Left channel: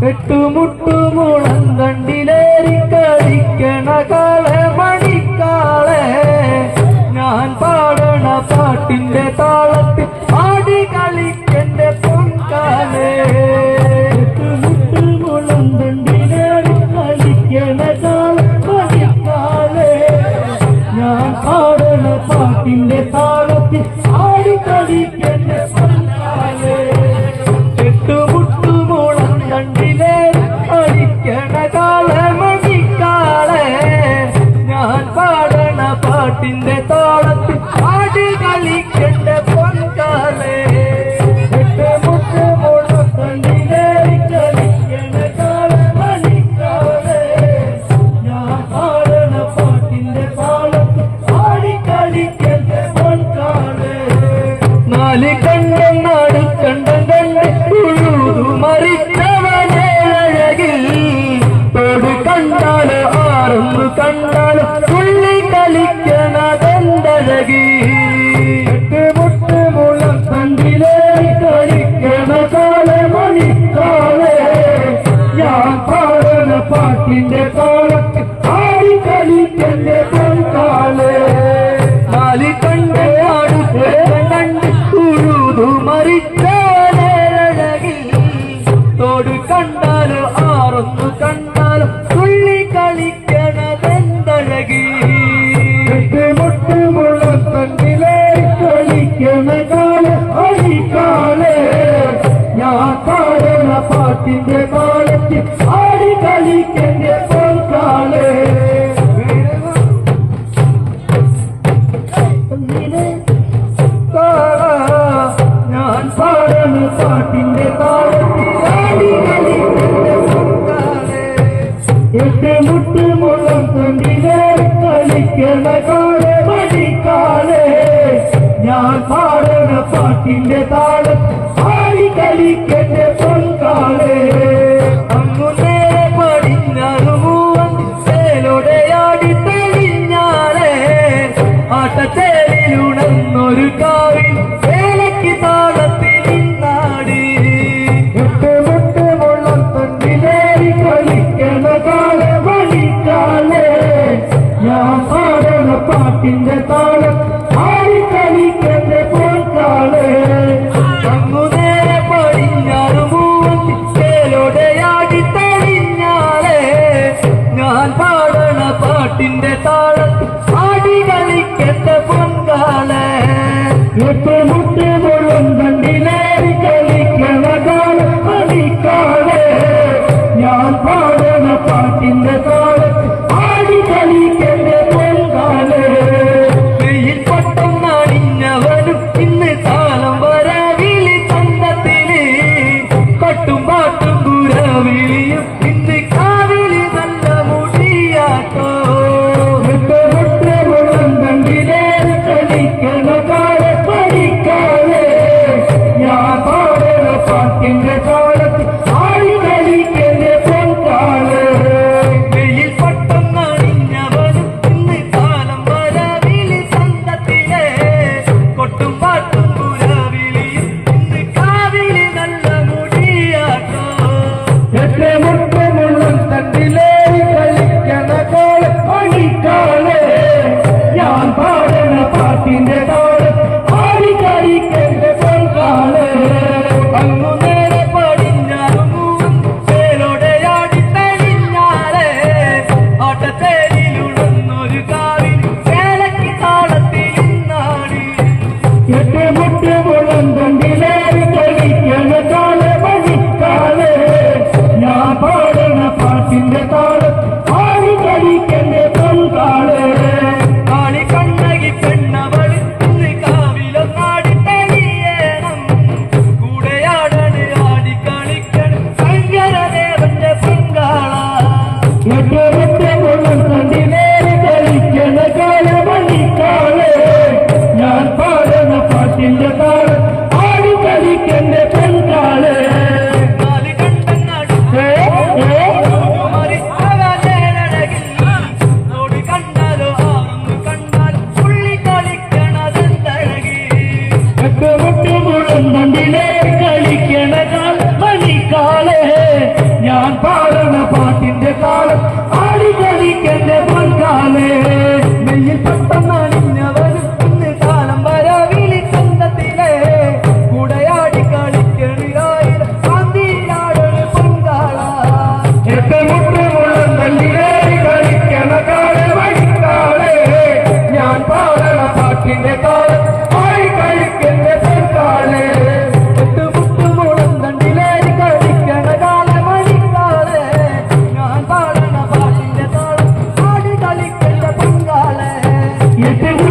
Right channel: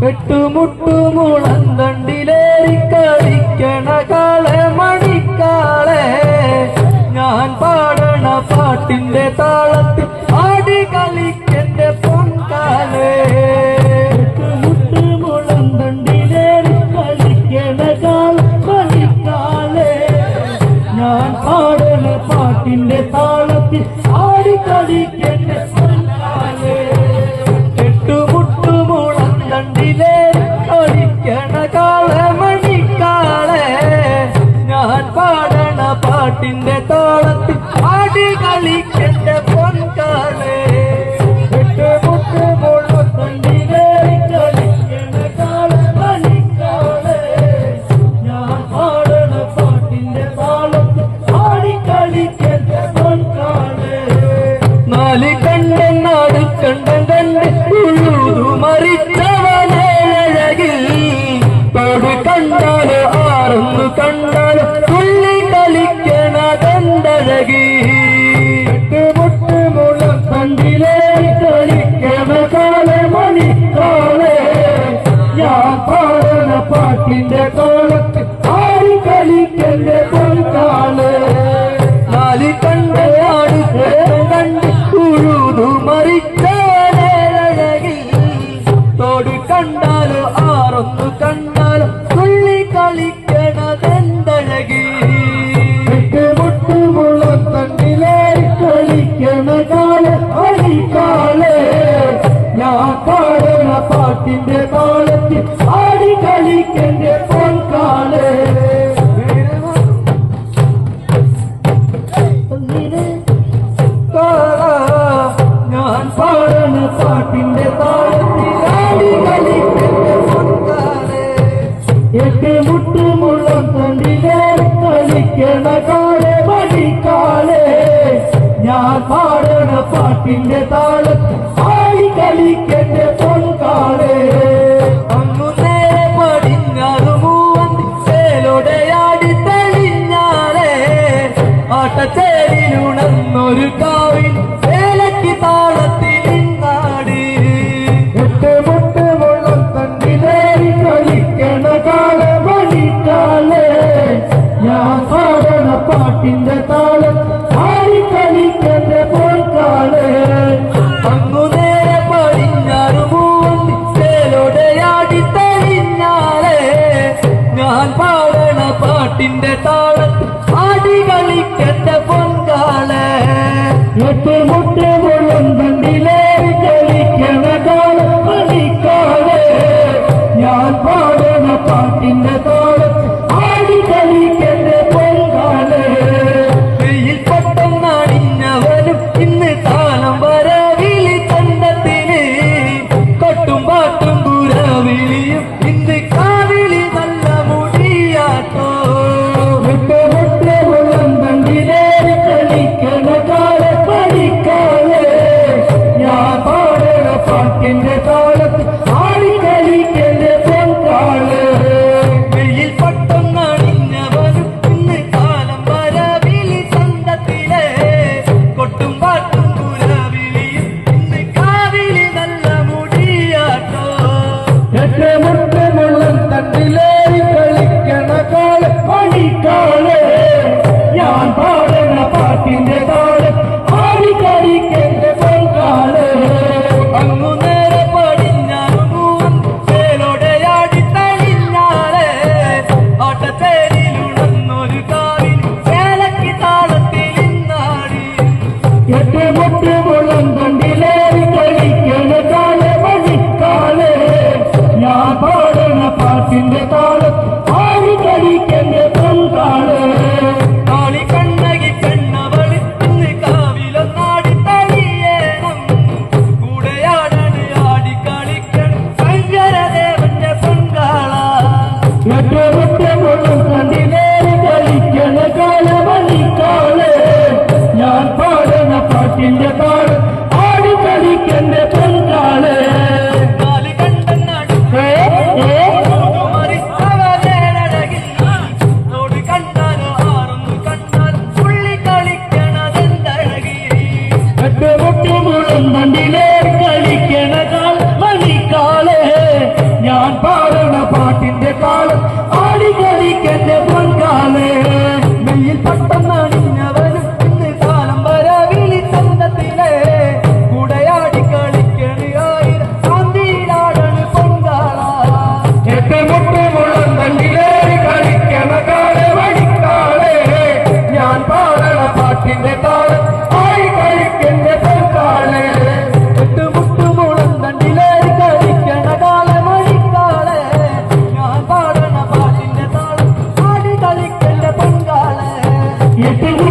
എട്ടുമുട്ടുമുളം തണ്ടിലേറി കളിക്കണ കാളെ മണിക്കാളെ ഞാൻ പാടണ പാട്ടിന്റെ താളത്തിൽ ആടി കളിക്കന്റെ പൊൻകാലേ എട്ടുമുട്ടുമുളം തണ്ടിലേറി കളിക്കണ കാളെ മണിക്കാളെ ഞാൻ പാടണ പാട്ടിന്റെ താളത്തിൽ ആടി കളിക്കന്റെ പൊൻകാലേ പാട്ടിന്റെ താളത്തിൽ ആടി കളിക്കണ്ട പൊൻകാലേ തണ്ടിലേറി കളിക്കണ കാളമണിക്കാളെ ഞാൻ പാടണ പാട്ടിന്റെ താളത്തിൽ ആടി കളിക്കണ്ട പൊൻകാലേ നാല് കണ്ണൻ നാട് കണ്ടം കണ്ട് മറിച്ചവനേഴകിൽ തോട് കണ്ടാല് ആറൊന്നു കണ്ടാല് തുള്ളി കളിക്കണതെന്തഴകി എട്ടുമുട്ടുമുളം തണ്ടിലേറി കളിക്കണ കാളമണിക്കാളെ ഞാൻ പാടണ പാട്ടിന്റെ താളത്തിൽ ആടി കളിക്കണ്ട പൊൻകാലേ നാല് കണ്ട് നാട് കണ്ട് ഉഴുതു മറിച്ചവനേഴകിൽ തോട് കണ്ടാല് ആറൊന്നു കണ്ടാല് തുള്ളി കളിക്കണതെന്തഴകി എട്ടുമുട്ടുമുളം തണ്ടിലേറി കളിക്കണ കാളമണിക്കാളെ ഞാൻ പാടുന്ന പാട്ടിന്റെ താളത്തിൽ ആടി കളിക്കണ്ട പൊൻകാലേ ഞാൻ പാടുന്ന പാട്ടിന്റെ താളത്തിൽ ആടി കളിക്കണ്ട പൊൻകാലേ എട്ടുമുട്ടുമുളം തണ്ടിലേറി കളിക്കണ കാളമണിക്കാളെ ഞാൻ പാടണ പാട്ടിന്റെ താളത്തിൽ ആടി കളിക്കണ്ട പൊൻകാലേ അങ്ങനെ പടിഞ്ഞാറ് മൂവന്തിലോടെയാടി തെളിഞ്ഞാലേ ആട്ടച്ചേരിലുണർന്നൊരു കാവിൽ വേലയ്ക്ക് താളത്തിൽ നാടി എട്ടുമുട്ടുമുളം തണ്ടിലേറി കളിക്കണ കാളമണിക്കാളെ ഞാൻ പാടണ പാട്ടിന്റെ താളം ആടി കളിക്കണ്ട പൊൻകാലേ അങ്ങനെ പടിഞ്ഞാറ് മൂവന്തിലോടെയാടി തെളിഞ്ഞാലേ ഞാൻ പാടണ പാട്ടിന്റെ താളത്തിൽ ആടി കളിക്കണ്ട പൊൻകാലേ എട്ടുമുട്ടുമുളം തണ്ടിലേറി കളിക്കണ കാളമണിക്കാളെ ഞാൻ പാടണ പാട്ടിന്റെ താളത്തിൽ ആടി കളിക്കണ്ട പൊൻകാലേ വെയിൽ പട്ടം നടിഞ്ഞവനും ഇന്ന് താളം വരവിളി തണ്ടത്തിന് കൊട്ടും പാട്ടും കുരവിളിയും ഇന്ന് കാവിളി നല്ല മുടിയാട്ടോ എട്ടുമുട്ടുമുളം തണ്ടിലേറി കളിക്കണ കാളമണിക്കാളെ ഞാൻ പാടണ പാട്ടിന്റെ താളത്തിൽ ആടി കളിക്കണ്ട പൊൻകാലേ വെയിൽ പട്ടം നടിഞ്ഞവനും ഇന്ന് താളം വരവിളി തണ്ടത്തിലെ കൊട്ടും പാട്ടും കുരവിളിയും ഇന്ന് കാവിളി നല്ല മുടിയാട്ടോ എട്ടുമുട്ടുമുളം എട്ട്